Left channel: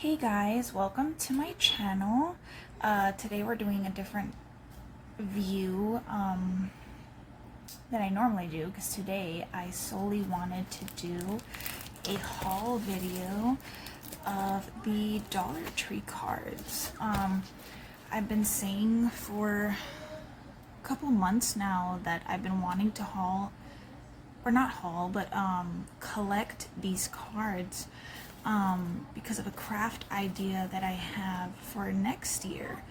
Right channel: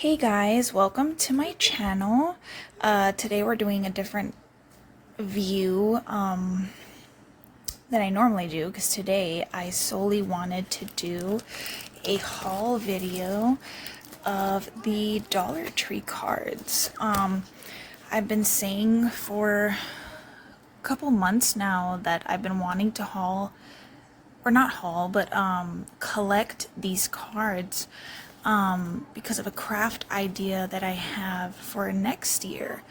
Hey guys, welcome to my channel. Today we're doing a different view than I normally do because today I solely wanted to do a haul video of the Dollar Tree cards. I've been saying for a couple months now that I've been wanting to haul, or not haul, but collect these cards because of a craft idea that I have for next year.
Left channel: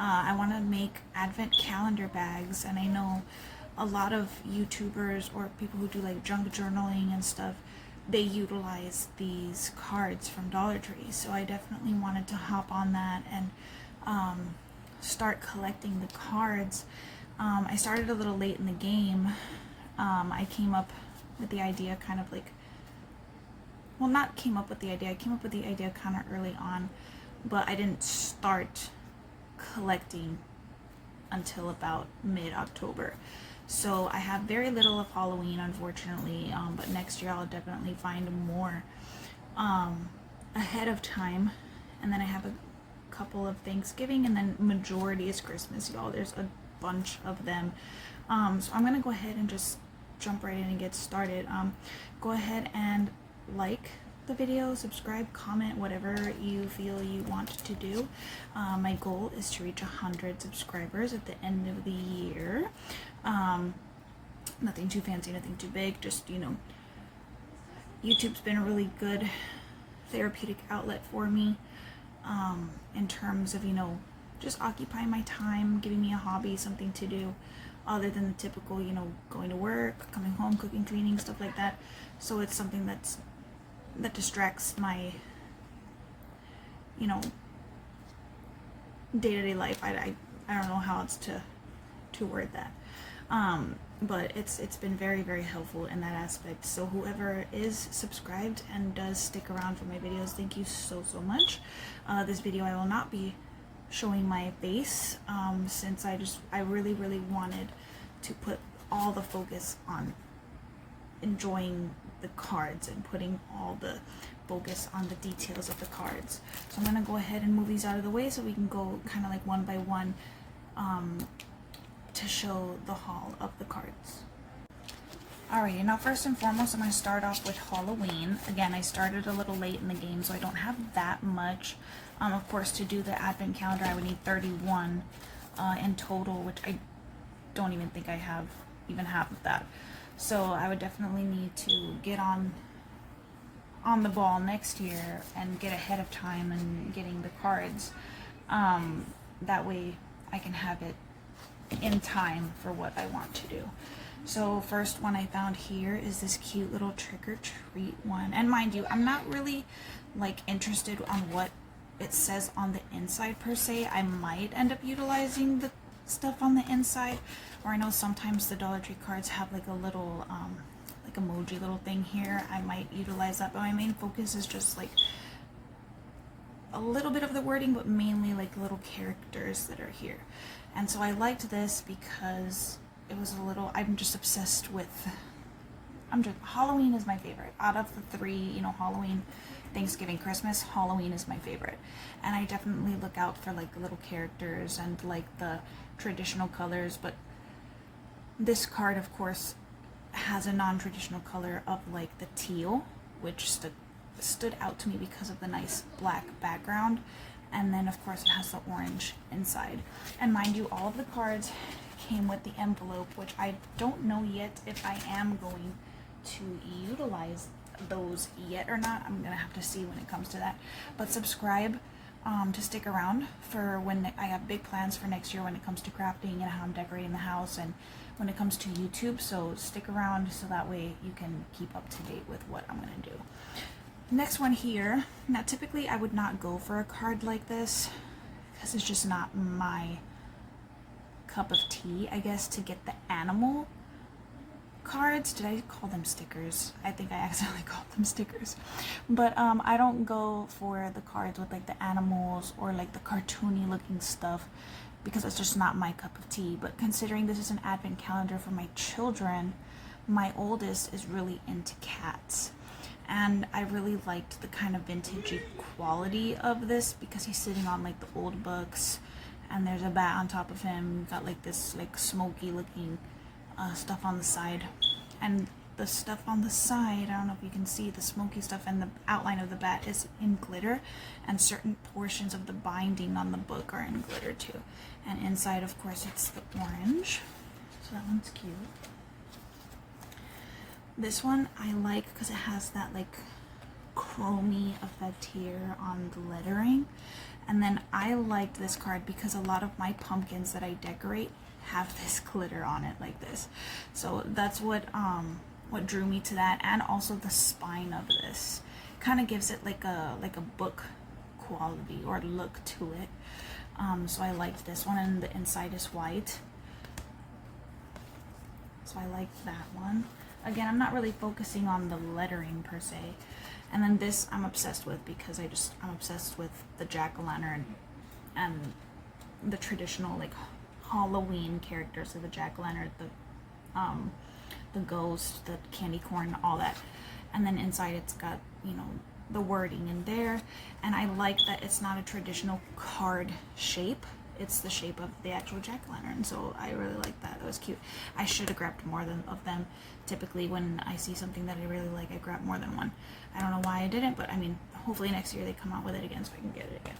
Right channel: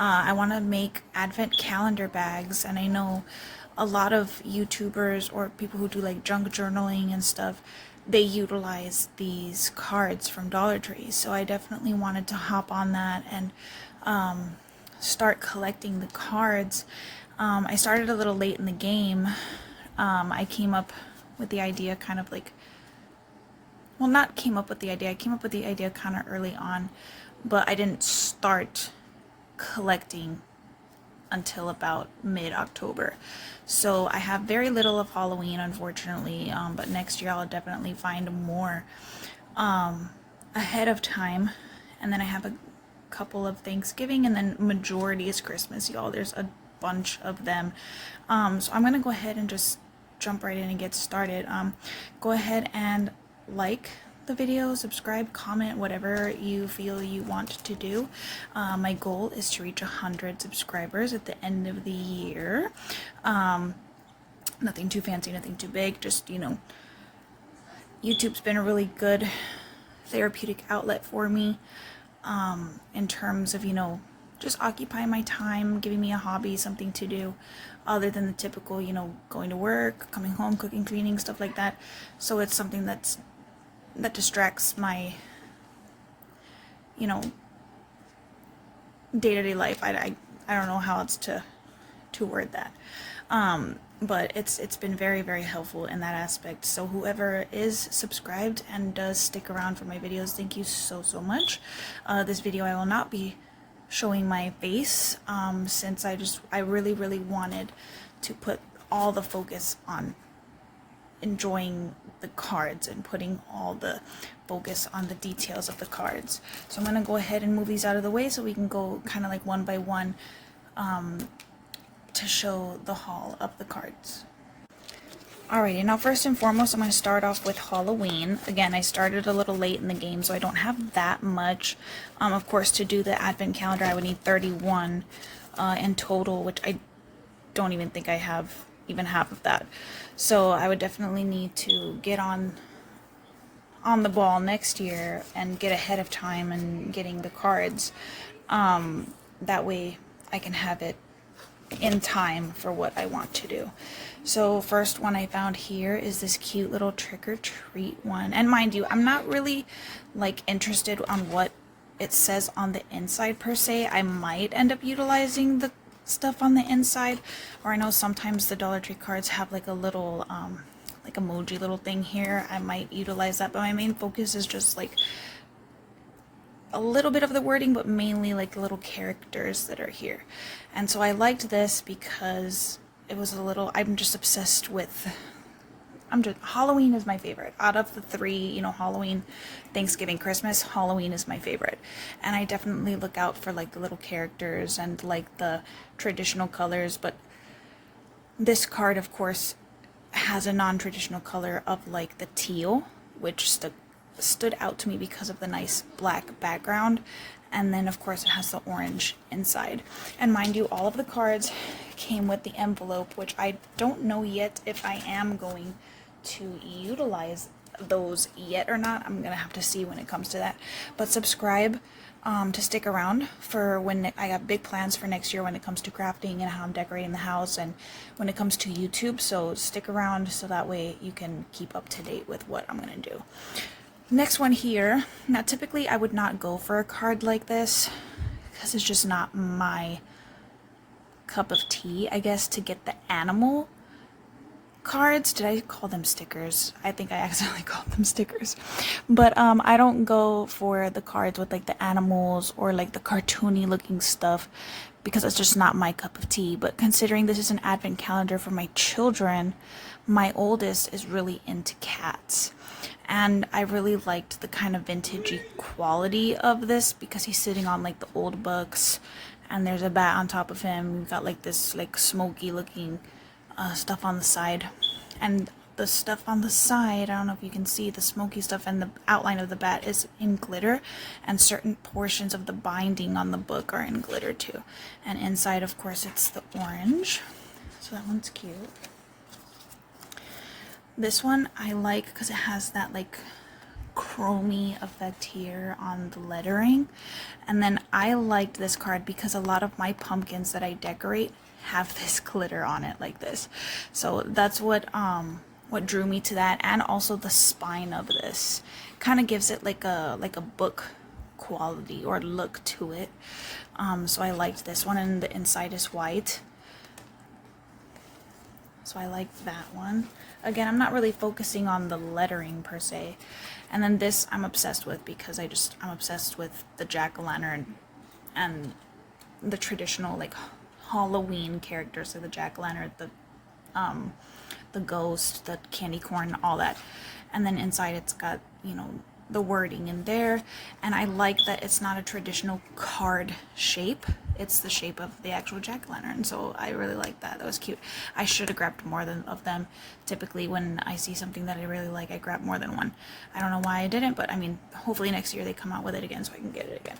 I want to make advent calendar bags, and I know a lot of YouTubers or people who do like junk journaling and stuff, they utilize these cards from Dollar Tree. So I definitely wanted to hop on that and start collecting the cards. I started a little late in the game. I came up with the idea kind of like, well, not came up with the idea, I came up with the idea kind of early on, but I didn't start collecting until about mid-October. So I have very little of Halloween, unfortunately, but next year I'll definitely find more ahead of time. And then I have a couple of Thanksgiving, and then majority is Christmas, y'all. There's a bunch of them. So I'm gonna go ahead and just jump right in and get started. Go ahead and like the video, subscribe, comment, whatever you feel you want to do. My goal is to reach 100 subscribers at the end of the year. Nothing too fancy, nothing too big, just, you know, YouTube's been a really good therapeutic outlet for me in terms of, you know, just occupying my time, giving me a hobby, something to do other than the typical, you know, going to work, coming home, cooking, cleaning, stuff like that. So it's something that distracts my, you know, day-to-day life. I don't know how else to word that. But it's been very, very helpful in that aspect. So whoever is subscribed and does stick around for my videos, thank you so much. This video I will not be showing my face since I really wanted to put all the focus on enjoying the cards and putting all the focus on the details of the cards. So I'm going to go ahead and move these out of the way so we can go kind of like one by one to show the haul of the cards. Alrighty, now first and foremost, I'm going to start off with Halloween. Again, I started a little late in the game, so I don't have that much. Of course, to do the advent calendar, I would need 31 in total, which I don't even think I have even half of that. So I would definitely need to get on the ball next year and get ahead of time and getting the cards. That way I can have it in time for what I want to do. So first one I found here is this cute little trick-or-treat one. And mind you, I'm not really like interested on what it says on the inside per se. I might end up utilizing the stuff on the inside, or I know sometimes the Dollar Tree cards have like a little like emoji little thing here. I might utilize that, but my main focus is just like a little bit of the wording, but mainly like little characters that are here. And so I liked this because it was a little, I'm just obsessed with, Halloween is my favorite. Out of the three, you know, Halloween, Thanksgiving, Christmas, Halloween is my favorite. And I definitely look out for like the little characters and like the traditional colors, but this card, of course, has a non-traditional color of like the teal, which stood out to me because of the nice black background. And then of course it has the orange inside. And mind you, all of the cards came with the envelope, which I don't know yet if I am going to utilize those yet or not. I'm gonna have to see when it comes to that. But subscribe to stick around for when I got big plans for next year when it comes to crafting and how I'm decorating the house and when it comes to YouTube. So stick around so that way you can keep up to date with what I'm gonna do. Next one here. Now typically I would not go for a card like this because it's just not my cup of tea, I guess, to get the animal cards. Did I call them stickers? I think I accidentally called them stickers. But I don't go for the cards with like the animals or like the cartoony looking stuff because it's just not my cup of tea. But considering this is an advent calendar for my children, my oldest is really into cats. And I really liked the kind of vintagey quality of this because he's sitting on like the old books, and there's a bat on top of him. We've got like this like smoky looking stuff on the side, and the stuff on the side, I don't know if you can see the smoky stuff, and the outline of the bat is in glitter, and certain portions of the binding on the book are in glitter too. And inside, of course, it's the orange, so that one's cute. This one I like because it has that like chromey effect here on the lettering. And then I liked this card because a lot of my pumpkins that I decorate have this glitter on it like this. So that's what drew me to that, and also the spine of this kind of gives it like a book quality or look to it. So I liked this one, and the inside is white. So I like that one. Again, I'm not really focusing on the lettering per se. And then this I'm obsessed with because I'm obsessed with the jack-o'-lantern and the traditional like Halloween characters of the jack-o'-lantern, the ghost, the candy corn, all that. And then inside it's got, you know, the wording in there. And I like that it's not a traditional card shape. It's the shape of the actual jack-o'-lantern, so I really like that. That was cute. I should have grabbed more of them. Typically when I see something that I really like, I grab more than one. I don't know why I didn't, but I mean, hopefully next year they come out with it again so I can get it again.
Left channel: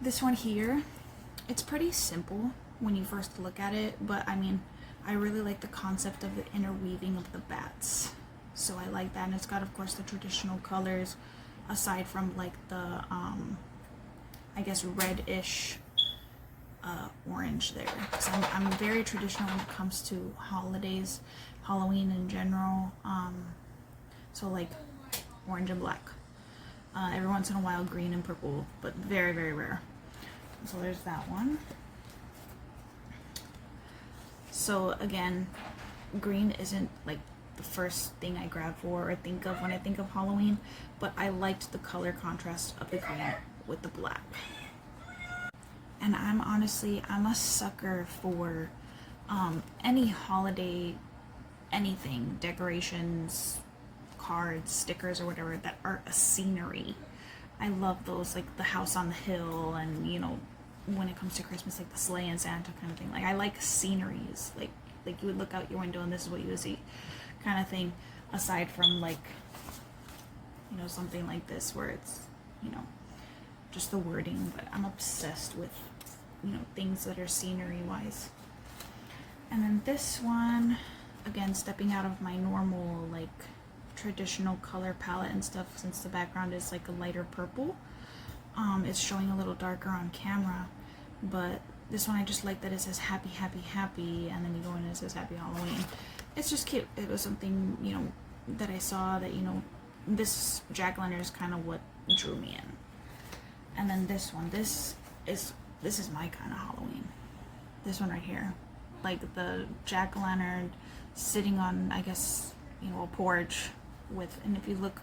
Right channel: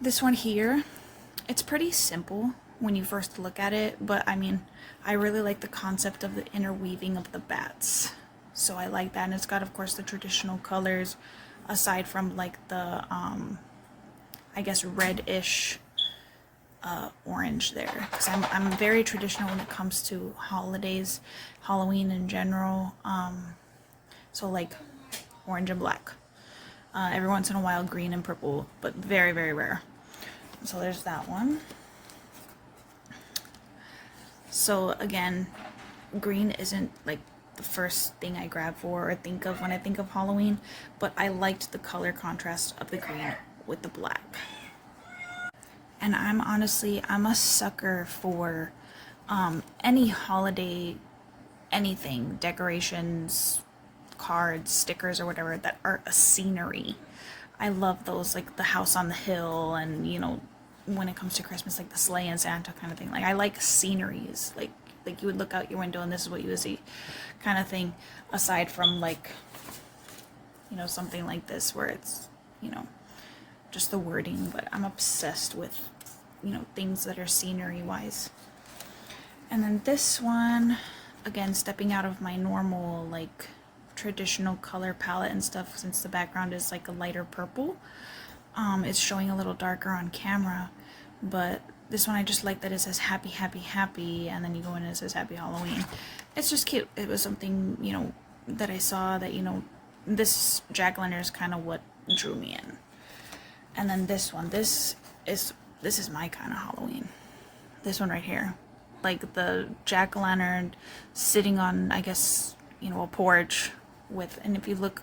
This one here, it's pretty simple when you first look at it, but I mean, I really like the concept of the interweaving of the bats. So I like that, and it's got, of course, the traditional colors, aside from like the I guess reddish orange there, because I'm very traditional when it comes to holidays, Halloween in general. So like orange and black, every once in a while green and purple, but very, very rare. So there's that one. So again, green isn't like the first thing I grab for or think of when I think of Halloween, but I liked the color contrast of the green with the black. And I'm a sucker for any holiday, anything, decorations, cards, stickers, or whatever that are a scenery. I love those, like the house on the hill, and you know, when it comes to Christmas, like the sleigh and Santa kind of thing. Like I like sceneries, like you would look out your window and this is what you would see, kind of thing. Aside from like, you know, something like this where it's, you know, just the wording. But I'm obsessed with, you know, things that are scenery wise. And then this one, again, stepping out of my normal like traditional color palette and stuff, since the background is like a lighter purple. It's showing a little darker on camera, but this one I just like that it says happy, happy, happy, and then you go in and it says happy Halloween. It's just cute. It was something, you know, that I saw that, you know, this jack-o'-lantern is kind of what drew me in. And then this one, this is my kind of Halloween. This one right here, like the jack-o'-lantern sitting on, I guess, you know, a porch with, and if you look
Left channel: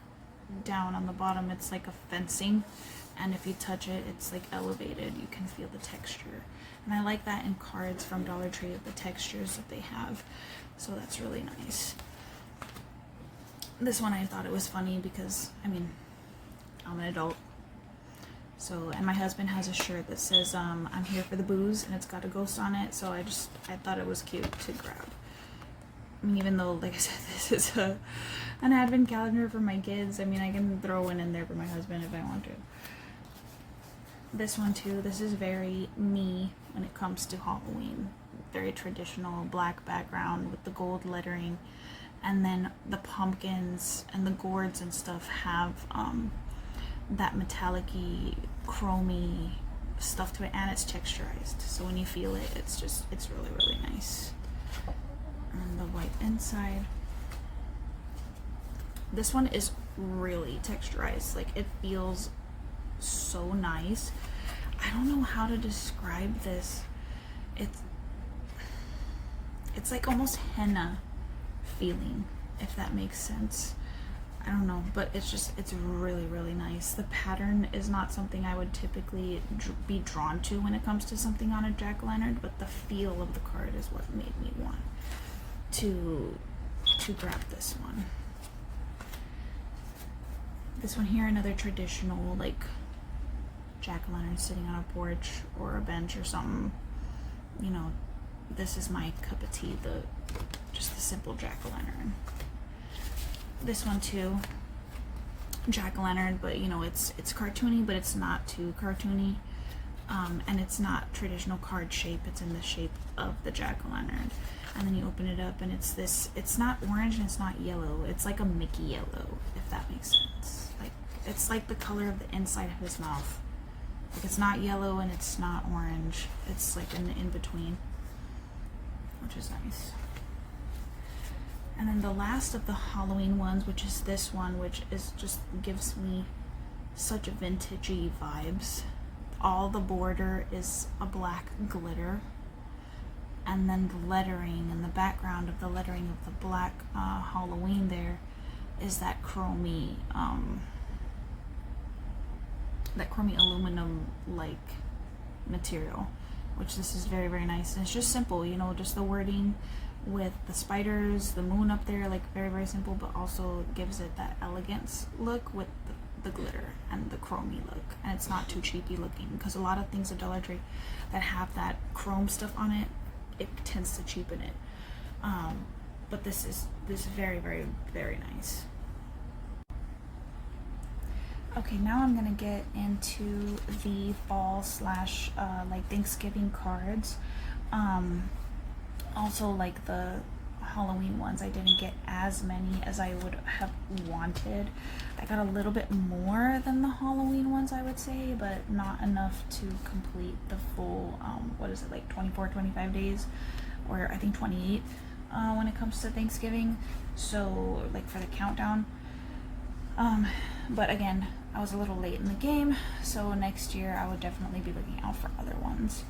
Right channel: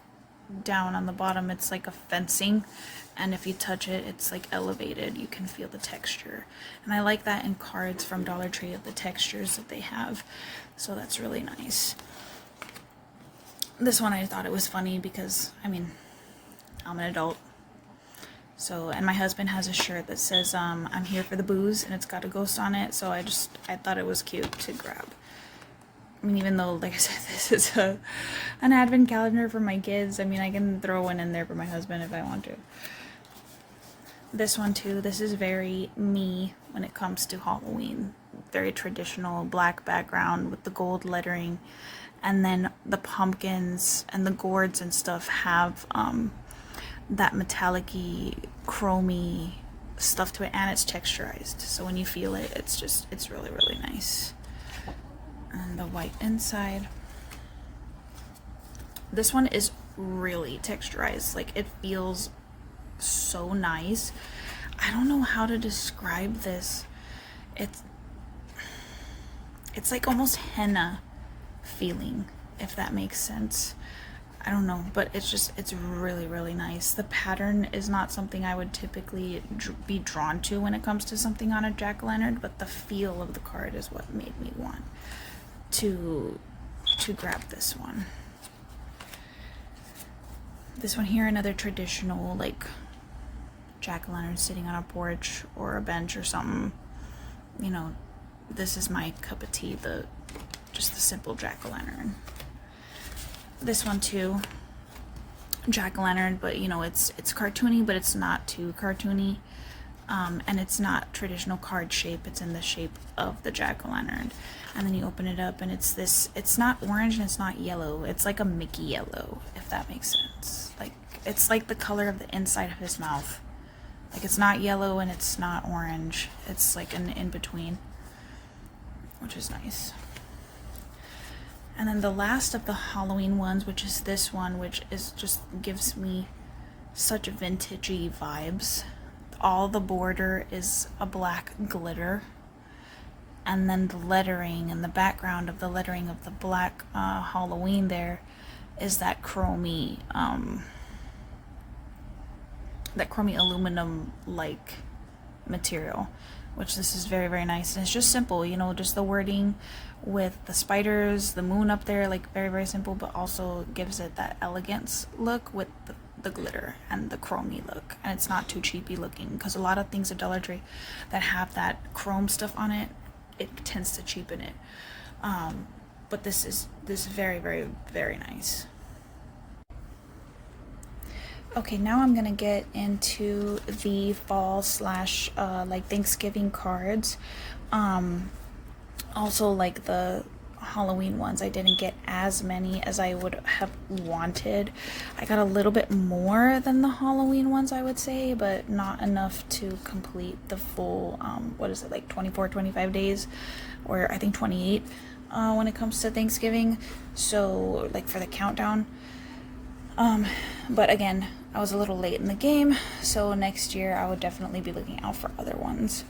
down on the bottom, it's like a fencing, and if you touch it, it's like elevated. You can feel the texture, and I like that in cards from Dollar Tree, of the textures that they have, so that's really nice. This one I thought it was funny because, I mean, I'm an adult. So, and my husband has a shirt that says, I'm here for the booze, and it's got a ghost on it, so I thought it was cute to grab. I mean, even though, like I said, this is an advent calendar for my kids, I mean, I can throw one in there for my husband if I want to. This one too, this is very me when it comes to Halloween. Very traditional, black background with the gold lettering, and then the pumpkins and the gourds and stuff have that metallic-y, chromy stuff to it, and it's texturized, so when you feel it, it's really, really nice. And the white inside. This one is really texturized, like it feels so nice. I don't know how to describe this. It's like almost henna feeling, if that makes sense. I don't know, but it's really, really nice. The pattern is not something I would typically be drawn to when it comes to something on a jack-o'-lantern, but the feel of the card is what made me want to grab this one. This one here, another traditional like jack-o'-lantern sitting on a porch or a bench or something. You know, this is my cup of tea, just the simple jack-o'-lantern. This one too, jack-o'-lantern, but you know, it's cartoony, but it's not too cartoony. And it's not traditional card shape, it's in the shape of the jack-o'-lantern. And then you open it up and it's not orange and it's not yellow, it's like a Mickey yellow, if that makes sense. Like, it's like the color of the inside of his mouth. Like, it's not yellow and it's not orange, it's like an in-between, which is nice. And then the last of the Halloween ones, which is this one, which is just gives me such vintagey vibes. All the border is a black glitter, and then the lettering and the background of the lettering of the black Halloween there is that chromey aluminum like material, which this is very, very nice. And it's just simple, you know, just the wording with the spiders, the moon up there, like very, very simple, but also gives it that elegance look with the glitter and the chromey look, and it's not too cheapy looking, because a lot of things at Dollar Tree that have that chrome stuff on it, it tends to cheapen it. But this is very, very, very nice. Okay, now I'm gonna get into the fall slash like Thanksgiving cards. Also, like the Halloween ones, I didn't get as many as I would have wanted. I got a little bit more than the Halloween ones, I would say, but not enough to complete the full what is it, like 24, 25 days, or I think 28 when it comes to Thanksgiving, so like for the countdown. But again, I was a little late in the game, so next year I would definitely be looking out for other ones.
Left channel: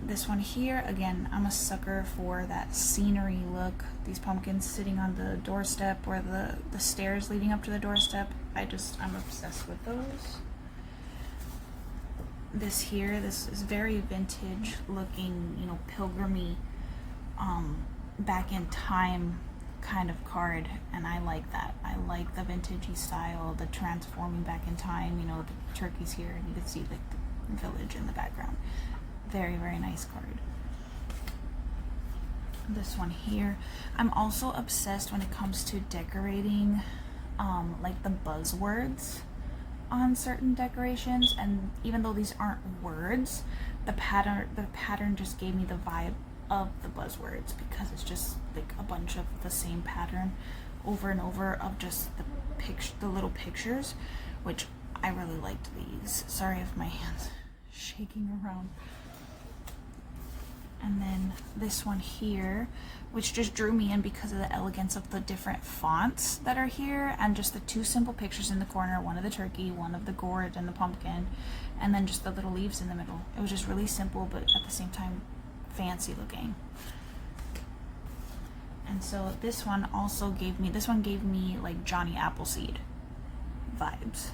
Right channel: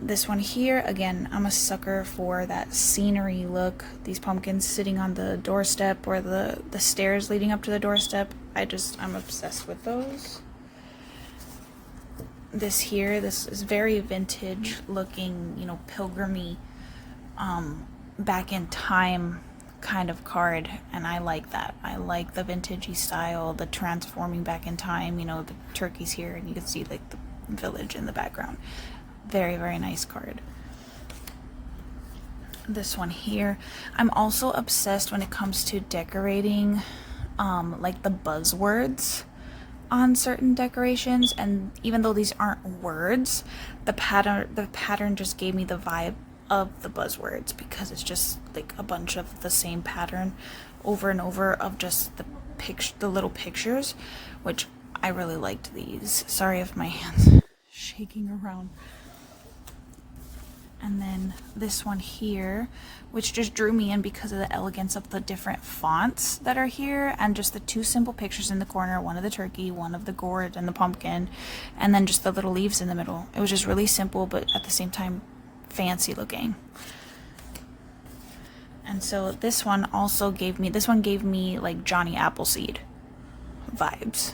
This one here, again, I'm a sucker for that scenery look. These pumpkins sitting on the doorstep or the stairs leading up to the doorstep. I'm obsessed with those. This here, this is very vintage looking, you know, pilgrimy, back in time kind of card, and I like that. I like the vintagey style, the transforming back in time, you know, the turkeys here, and you can see like the village in the background. Very, very nice card. This one here, I'm also obsessed when it comes to decorating like the buzzwords on certain decorations, and even though these aren't words, the pattern just gave me the vibe of the buzzwords, because it's just like a bunch of the same pattern over and over of just the little pictures, which I really liked these. Sorry if my hands shaking around. And then this one here, which just drew me in because of the elegance of the different fonts that are here, and just the two simple pictures in the corner, one of the turkey, one of the gourd and the pumpkin, and then just the little leaves in the middle. It was just really simple, but at the same time fancy looking. And so this one gave me like Johnny Appleseed vibes.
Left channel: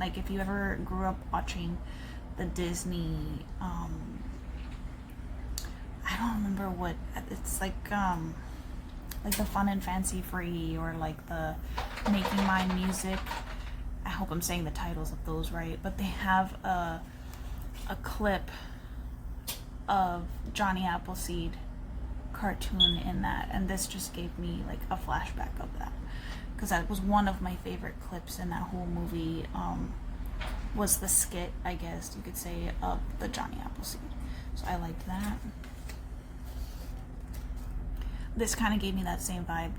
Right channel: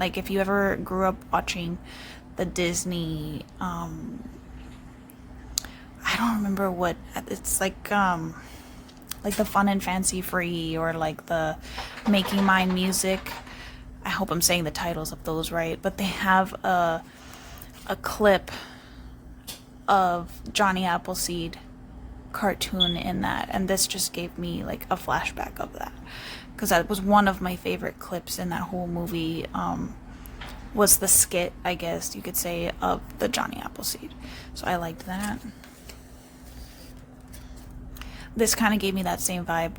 Like if you ever grew up watching the Disney, I don't remember what it's like the Fun and Fancy Free, or like the Making Mine Music. I hope I'm saying the titles of those right, but they have a clip of Johnny Appleseed cartoon in that, and this just gave me like a flashback of that, because that was one of my favorite clips in that whole movie. Was the skit, I guess you could say, of the Johnny Appleseed, so I liked that. This kind of gave me that same vibe,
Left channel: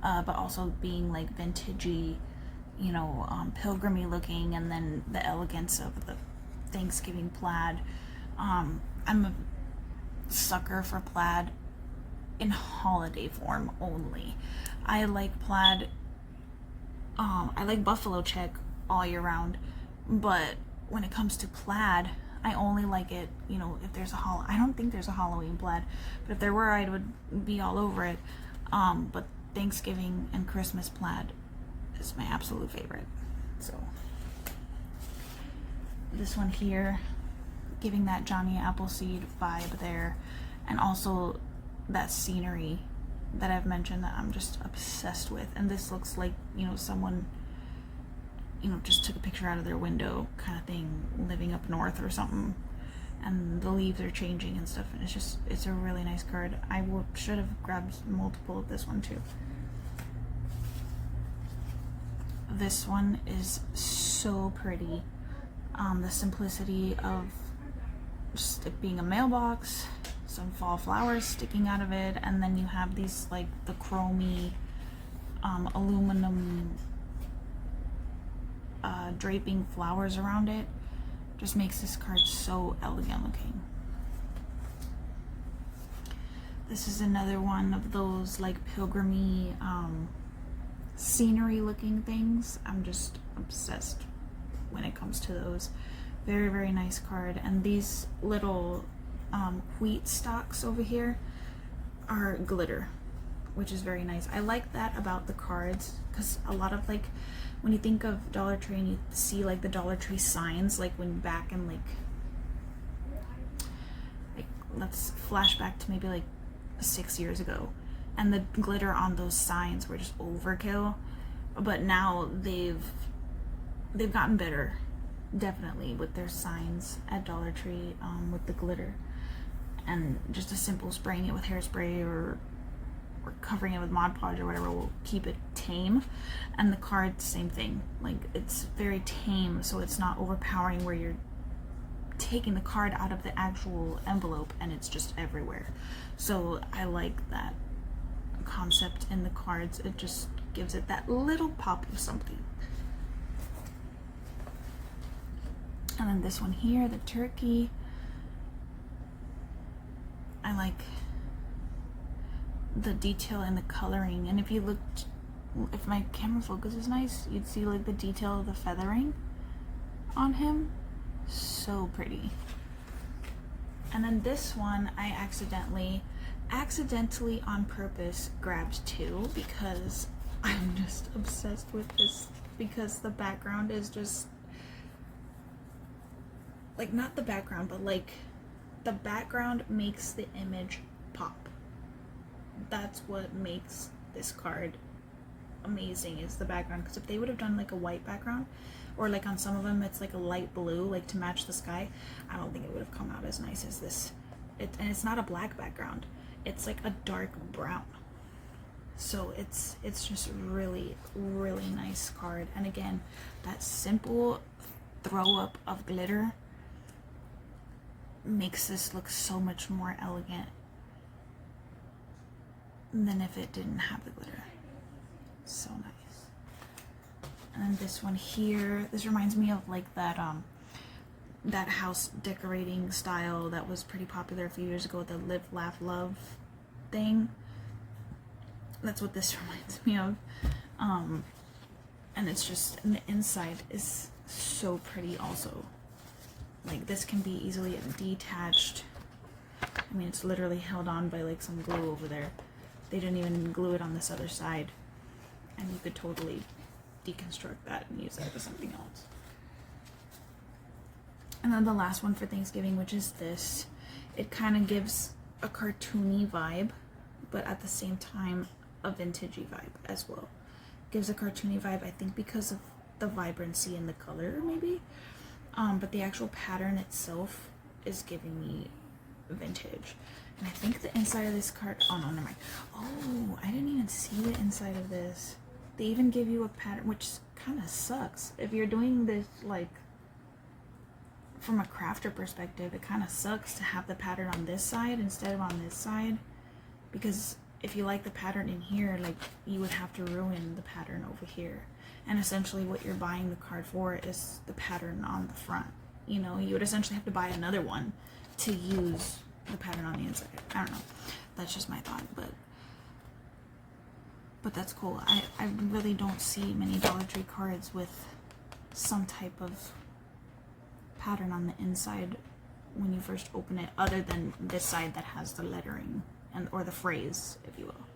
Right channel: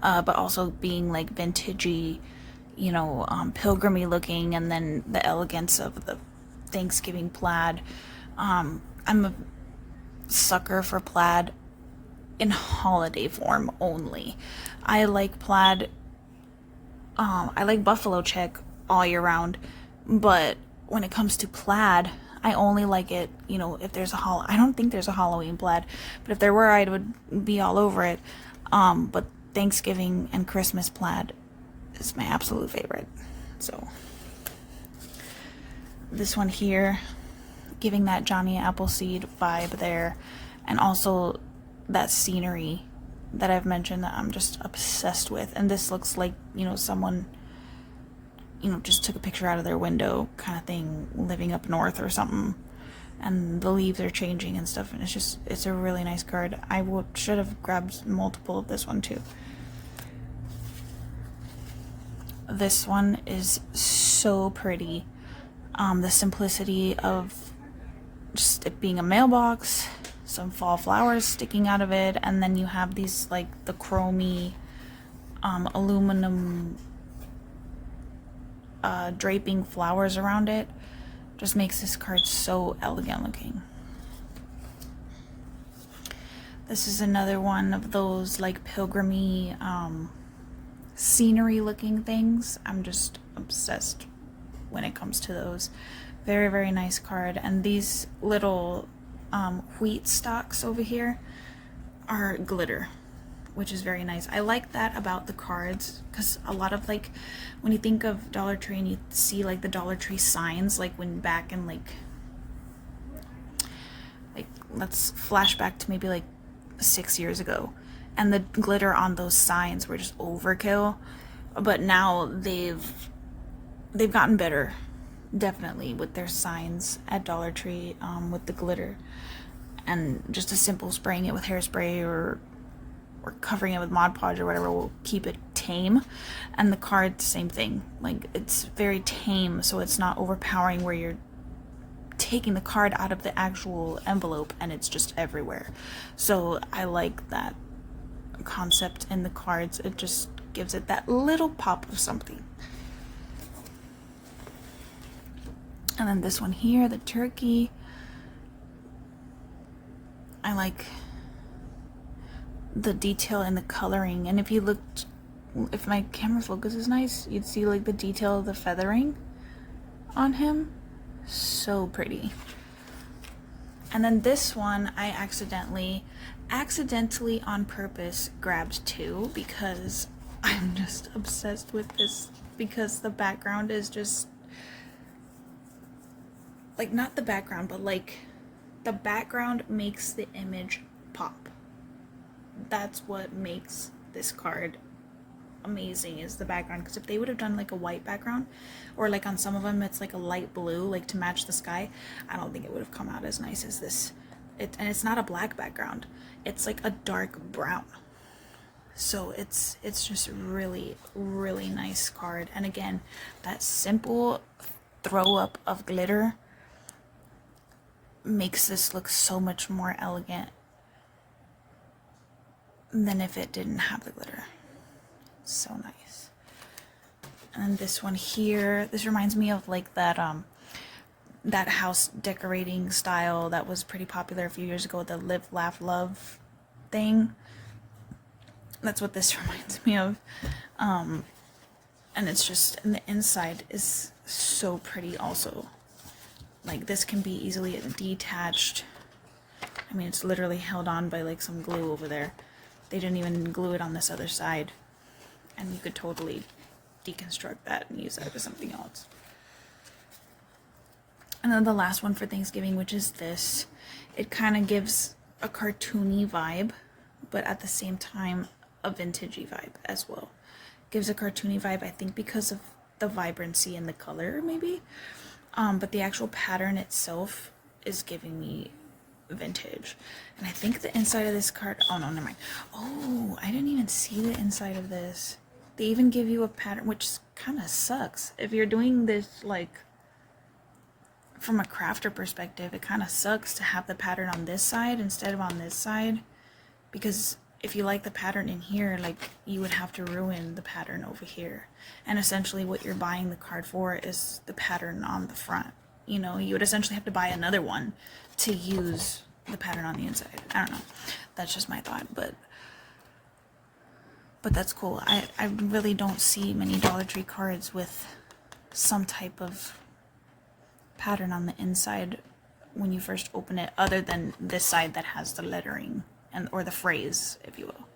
but also being like vintagey, you know, pilgrimy looking, and then the elegance of the Thanksgiving plaid. I'm a sucker for plaid in holiday form only. I like plaid, I like buffalo check all year round, but when it comes to plaid, I only like it, you know, if there's I don't think there's a Halloween plaid, but if there were, I would be all over it. But Thanksgiving and Christmas plaid is my absolute favorite. So this one here, giving that Johnny Appleseed vibe there, and also that scenery that I've mentioned that I'm just obsessed with. And this looks like, you know, someone you know, just took a picture out of their window kind of thing, living up north or something. And the leaves are changing and stuff, and it's a really nice card. I should have grabbed multiple of this one too. This one is so pretty. The simplicity of just it being a mailbox, some fall flowers sticking out of it, and then you have these like the chromy aluminum draping flowers around it. Just makes this card so elegant looking. This is another one of those like pilgrimy scenery looking things. I'm just obsessed when it comes to those. Very, very nice card. And these little wheat stalks over here are glitter, which is very nice. I like that about the cards, because a lot of like when you think of Dollar Tree and you see like the Dollar Tree signs, like when back in like let's flash back to maybe like 6 years ago, and the glitter on those signs were just overkill. But now they've gotten better, definitely, with their signs at Dollar Tree, with the glitter, and just a simple spraying it with hairspray or covering it with Mod Podge or whatever will keep it tame. And the card, same thing. Like, it's very tame, so it's not overpowering where you're taking the card out of the actual envelope and it's just everywhere. So I like that concept in the cards. It just gives it that little pop of something. And then this one here, the turkey. I like the detail in the coloring, and if you looked, if my camera focus is nice, you'd see like the detail of the feathering on him. So pretty. And then this one I accidentally on purpose grabbed too, because I'm just obsessed with this, because the background is just like, not the background, but like the background makes the image pop. That's what makes this card amazing, is the background. Because if they would have done like a white background, or like on some of them it's like a light blue, like to match the sky, I don't think it would have come out as nice as this. And it's not a black background, it's like a dark brown. So it's just really, really nice card. And again, that simple throw up of glitter makes this look so much more elegant than if it didn't have the glitter. So nice. And then this one here, this reminds me of like that that house decorating style that was pretty popular a few years ago, the Live Laugh Love thing. That's what this reminds me of. And it's just, and the inside is so pretty also. Like, this can be easily detached. I mean, it's literally held on by like some glue over there. They didn't even glue it on this other side. And you could totally deconstruct that and use that for something else. And then the last one for Thanksgiving, which is this. It kind of gives a cartoony vibe, but at the same time a vintagey vibe as well. Gives a cartoony vibe, I think, because of the vibrancy in the color, maybe. But the actual pattern itself is giving me vintage. And I think the inside of this card, oh no, never mind. Oh, I didn't even see the inside of this. They even give you a pattern, which kind of sucks. If you're doing this like from a crafter perspective, it kind of sucks to have the pattern on this side instead of on this side, because if you like the pattern in here, like, you would have to ruin the pattern over here. And essentially what you're buying the card for is the pattern on the front. You know, you would essentially have to buy another one to use the pattern on the inside. I don't know. That's just my thought, but that's cool. I really don't see many Dollar Tree cards with some type of pattern on the inside when you first open it, other than this side that has the lettering and or the phrase, if you will.